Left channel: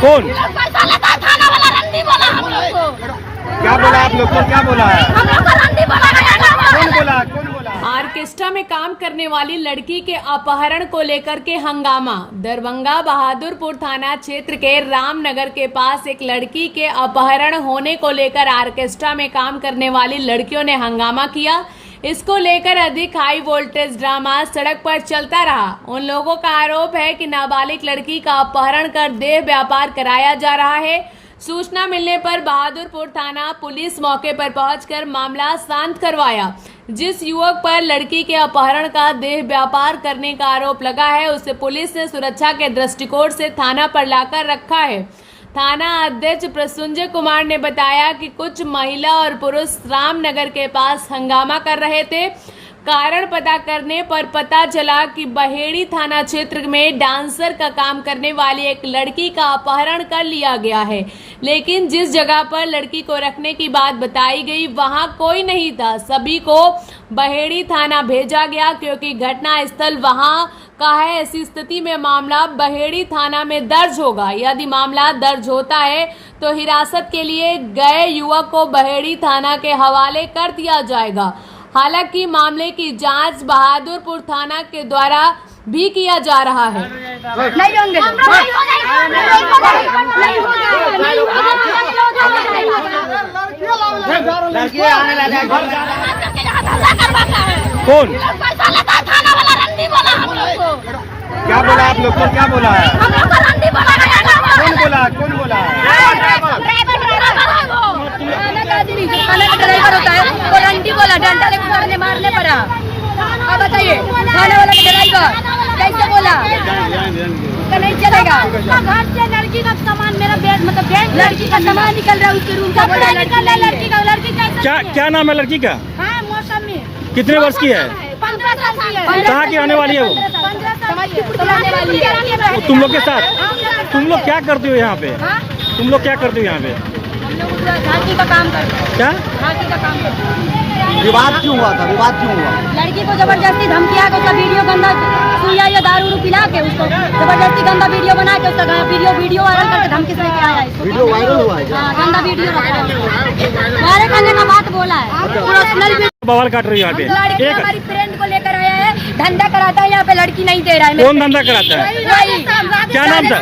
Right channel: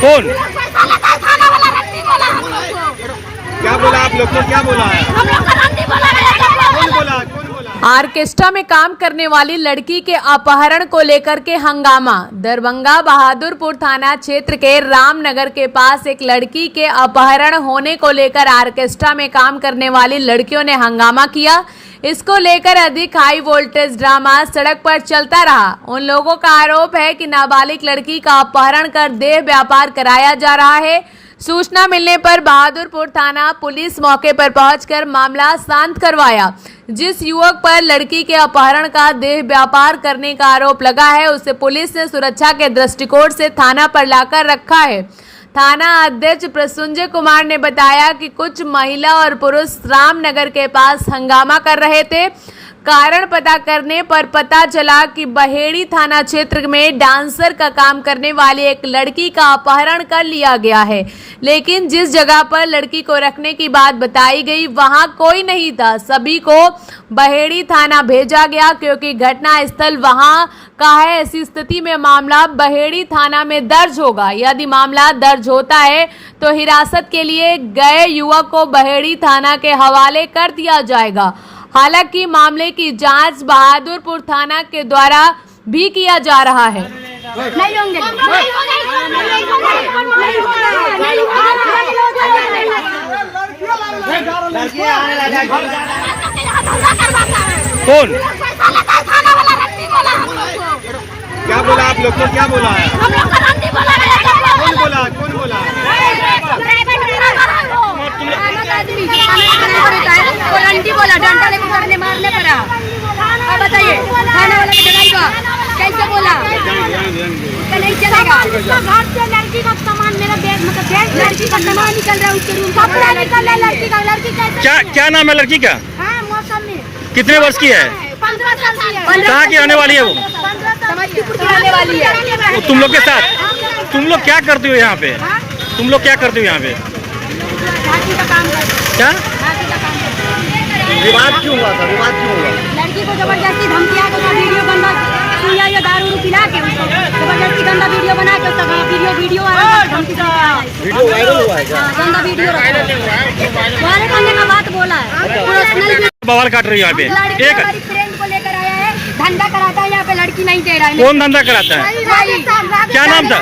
कौन? पैसा लेता है थाना वाला रंडी बोला हम लोग को। क्या बोला आप लोग को? क्या बोला है? हम लोग को रंडी बोला। कौन बोला? कौन बोला? ऑर्केस्ट्रा में काम करने वाली लड़की के अपहरण को लेकर के हंगामा। दरभंगा बहादुरपुर थाना क्षेत्र के रामनगर के पास एक लड़की के अपहरण होने को लेकर ऑर्केस्ट्रा में काम करने वाली लड़कियों ने हंगामा किया। इसको लेकर अधिक हाई वोल्टेज ड्रामा सड़क पर चलता रहा। उन लोगों का आरोप है कि नाबालिग लड़की का अपहरण कर देह व्यापार कराया जा रहा है। सूचना मिलने पर बहादुरपुर थाना पुलिस मौके पर पहुंचकर मामला शांत करवाया। जिस युवक पर लड़की के अपहरण का देह व्यापार करने का आरोप लगा है, उसे पुलिस ने सुरक्षा के दृष्टिकोण से थाना पर लाकर रखा है। थाना अध्यक्ष प्रसूंजय कुमार ने बताया कि कुछ महिला और पुरुष रामनगर के पास हंगामा कर रहे थे। कारण पता करने पर पता चला कि बहेड़ी थाना क्षेत्र में डांसर का काम करने वाली एक लड़की का अपहरण कर लिया गया है, लेकिन जिस जगह पर लड़की को रखने की बात बताई गई वहां कोई नहीं था। सभी को बहेड़ी थाना भेजा गया क्योंकि घटना स्थल वहां का है। ऐसी स्थिति में मामला बहेड़ी थाना में दर्ज होगा। यदि मामला दर्ज होता है तो हिरासत के लिए गए युवक को बहेड़ी थाना के हवाले कर दिया जाएगा। हालांकि मामले की जांच बहादुरपुर थाना के द्वारा भी किया जा रहा है। कौन? पैसा लेता है थाना वाला रंडी बोला हम लोग को। क्या बोला आप लोग को? क्या बोला है? हम लोग को रंडी बोला। कौन बोला? कौन बोला? ड्राइवर होता है वो रंडी बोला, डंडा लेकर हमने मारने पड़ा। अब बताइए थाने वाला को बुलाएगा कैसे बोला? नहीं चलेगा। घर से लड़की का सामान मेरा बैग मतलब लड़की का सामान निकल रहा है उसके रूम का, कपड़ा निकल रहा है लड़की का। लड़की कैसे? क्या नाम है लड़की का? हाँ मौसम में कितने वर्ष की है? 15 साल की है। कहाँ की आने वाली है वो? 15 साल की आने वाली है। वो तुम लोग के साथ? तुम लोग क्या करते हो यहाँ पे? तुम लोग क्या करते हो यहाँ पे? झांकी का काम करते हैं। क्या झांकी का काम करते हैं। विवाद क्यों हुआ था? विवाद क्यों हुआ? लड़की को जबरदस्ती धमकिया के उसका वीडियो गंदा सुइया या दारू पिला के उसको जबरदस्ती गंदा वीडियो बना के उसका वीडियो वायरल करके धमकी से लेके आया है। वीडियो वायरल हुआ है क्या? हाँ, गंदा वीडियो हमारे करने का बात बोला है। पर्सनल बवाल काट रही है यहाँ पे। लड़की एक हमारी फ्रेंड को लेकर आया है, धंधा कराता है यहाँ पे, लड़की नहीं दे रहा है। कौन धंधा कराता है? वही। क्या नाम था?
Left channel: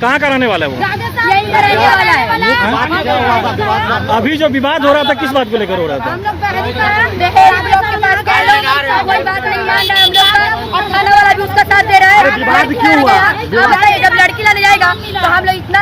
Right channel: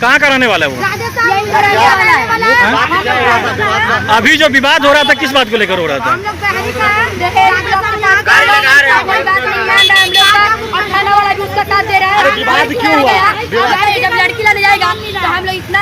कहाँ का रहने वाला है वो? यही कराने वाला है। अभी जो विवाद हो रहा था किस बात को लेकर हो रहा था? दहेज लोग के साथ कर रहे हैं, कोई बात नहीं मान रहा है हम लोग का, और थाना वाला भी उसका साथ दे रहा है। विवाद क्यों हुआ? अब जब लड़की लाने जाएगा तो हम लोग इतना